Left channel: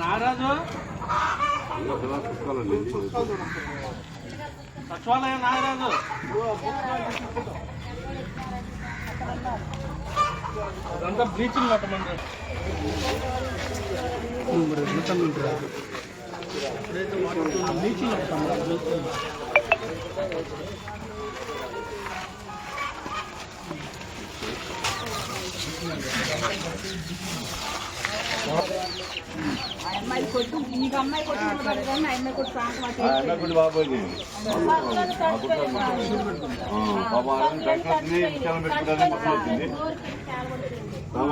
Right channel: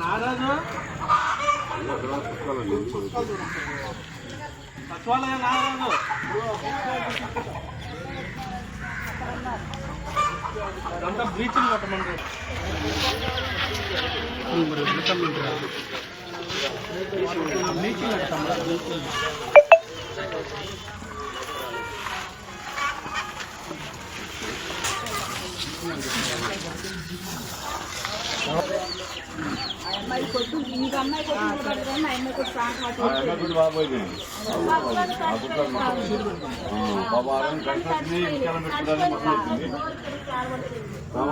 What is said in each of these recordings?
నారాజు. సచివాలయ నాగరాజు అంతా బ్లీచింగ్ కట్టమంటారు బ్లీచింగ్ కట్టమా బ్లీచింగ్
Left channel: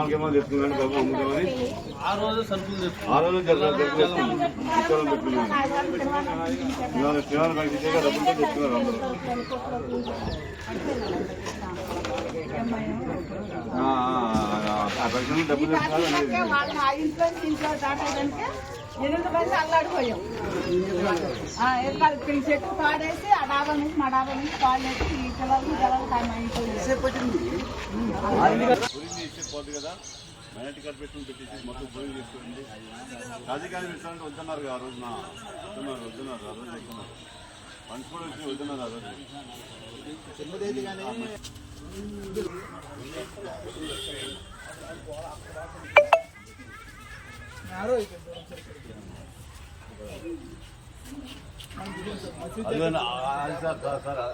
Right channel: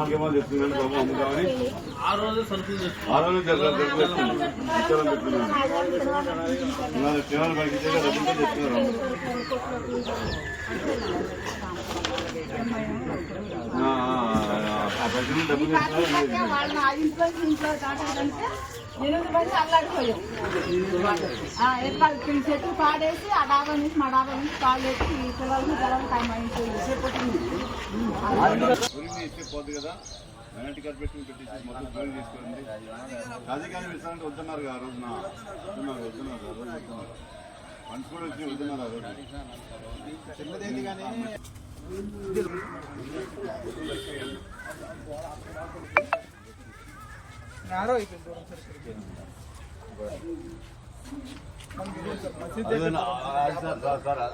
ఏమో తెచ్చుకున్నాను బాబు అమ్ముతామని ఆ రోజు సరుకులు ఆ రోజు జరుగుతుంది పెట్టుకున్నాను ఇవాళ సేవలు కలిగితే తెచ్చుకున్నారు అందరూ చెట్టు పాడేసి ఆ డాబా నుంచి మా డాబా నుంచి పాడేసి ఈ పిల్లలకి గెలవక కదా మైనార్టీ కార్పొరేషన్ పెట్టేసి మొత్తం జోయిన్ చేసుకోండి రాజకీయాలు ఇస్తానంటే వద్దన్నారు. ఆ రోజున వద్దున్నారు వద్దున్నారు ఆ రోజు వద్దున్నారు ఫండ్స్ కూడా వచ్చి వద్దన్నారు ఆ రోజు అదే నా- అది సార్ సార్, సార్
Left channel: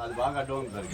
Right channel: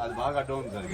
అది బాగా అడ్డం ఉంది సార్